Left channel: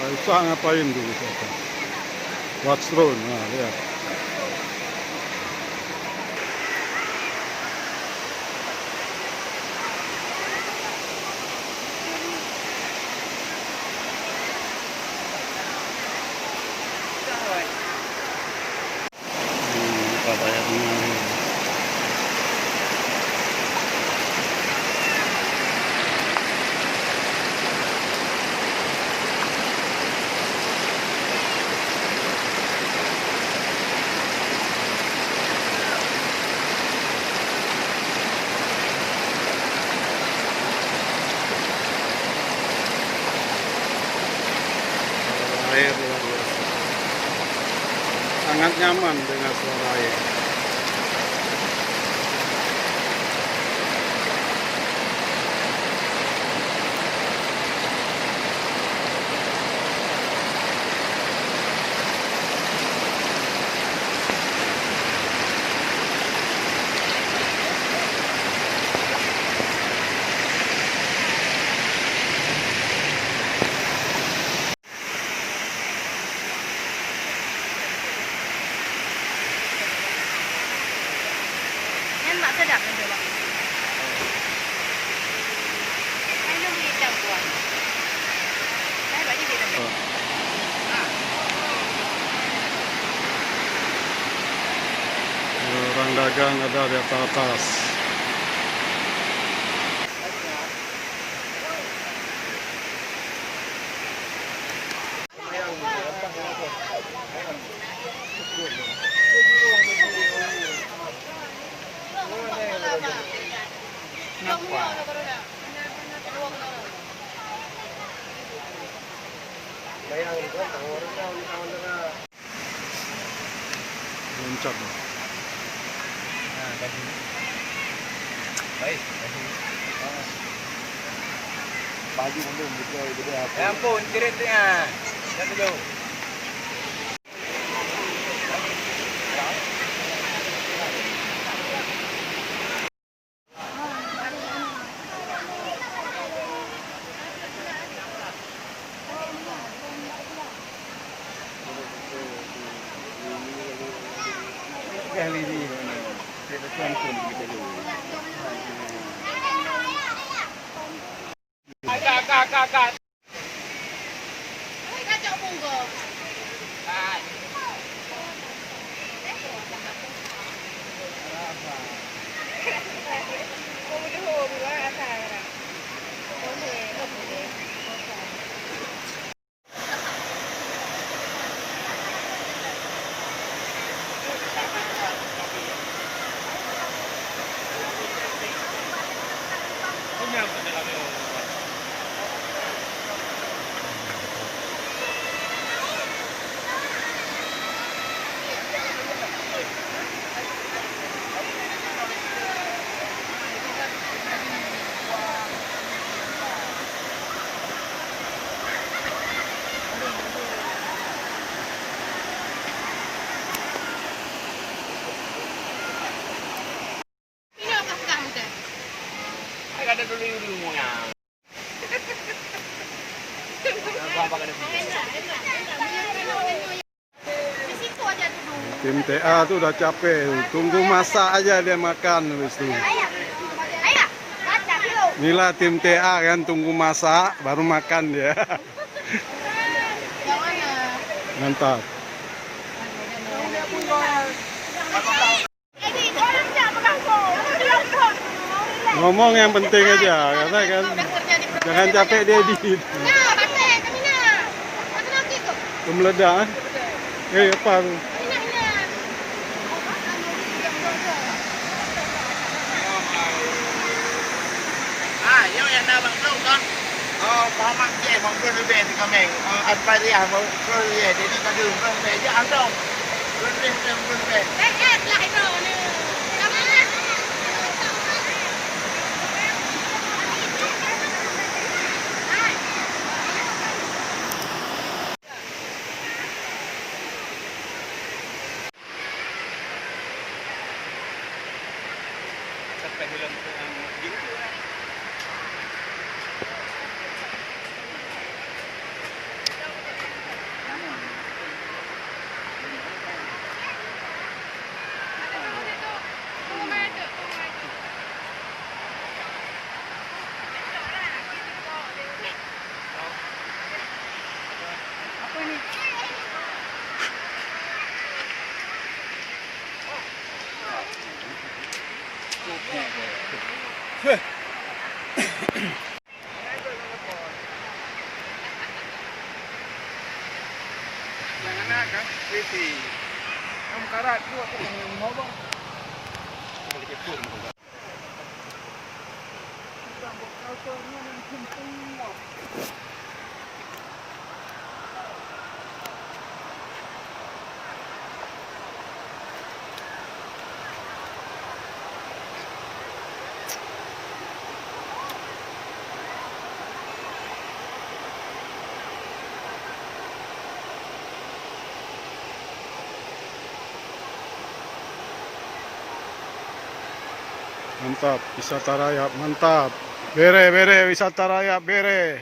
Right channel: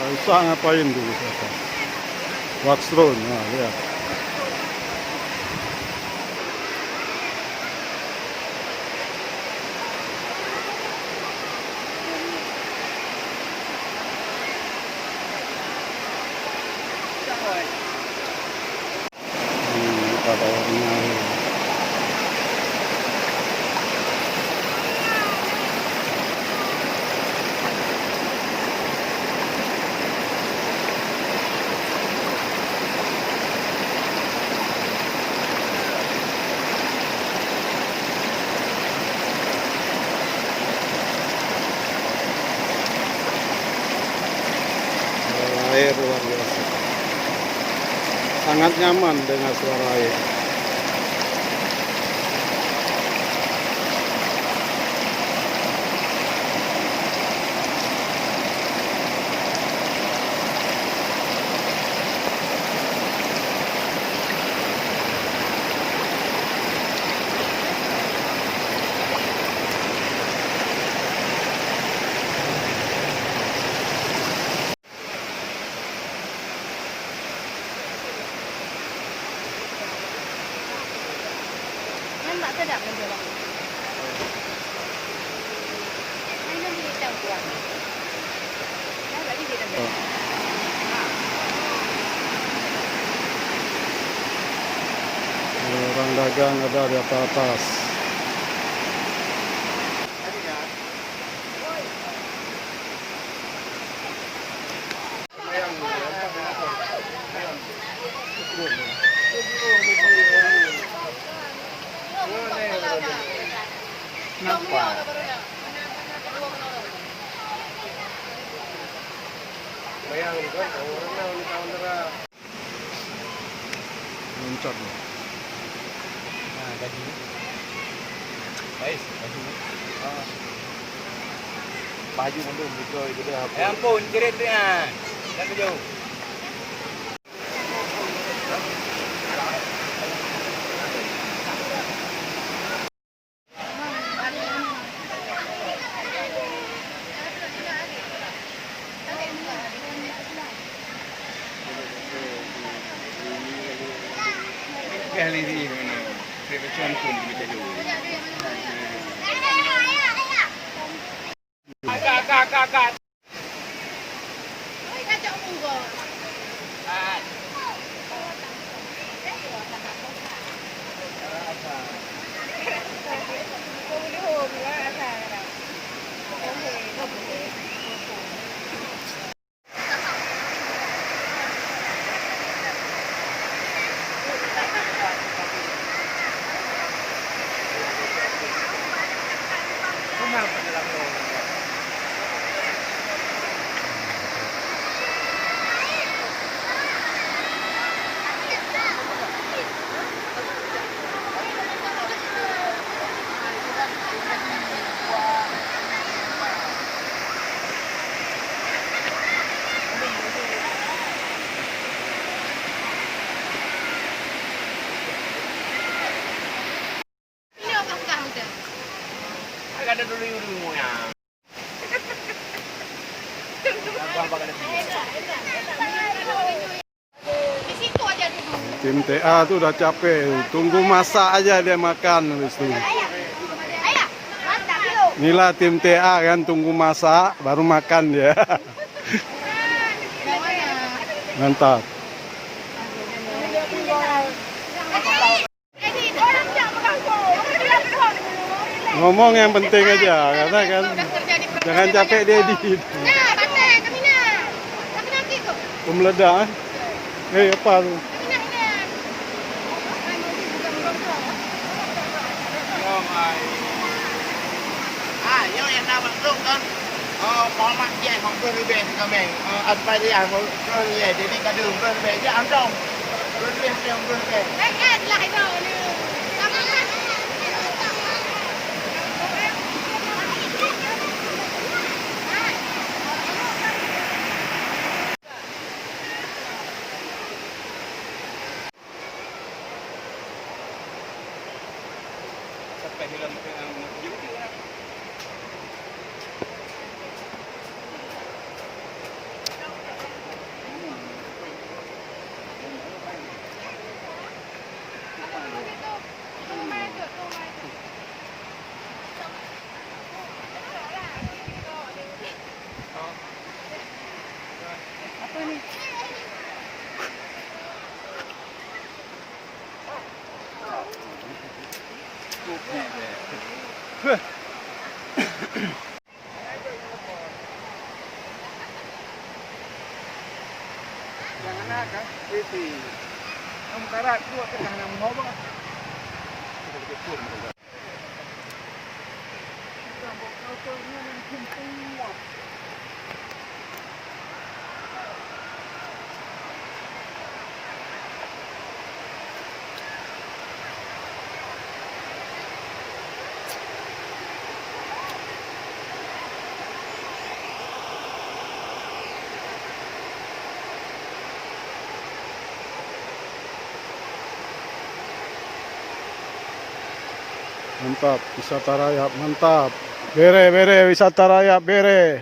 Susah ngapain dulu siapa? Watchstone, nah lihat. Kita bayarnya. Air luar biasa, sangat nyaman dengan suara air. Mak sedap nanti bang. Mana boleh tahu tuan? Dah bagi dia tambah. Orang dagang ada di atas. Mantap. Baik, baju mundur gitu apa? Ampun, keretnya. Jangan jauh. Kali ini mana? Macam pun macam tu. Kak. Ada dulu yang. Tim TA tuh udah capek, tunggu masak aja dia makan habis itu. Inilah tim TA kan, tunggu masak baru makan dia. Mantap. Ngomong yang penting aja, karena kan jangan capek dia edit. Meledak. Apa tu? Yo yang dah masuk kan. Format je mungkin lebih dengan main. Apa dia mungkin dia jadi kada lupa saja anda. Mungkin. Lah itu loh ni. Sampai dalam City. Ang karat ko at ang mga ba? Mantap, wisata raya, mantap. Bere, bere, wisata raya, bere.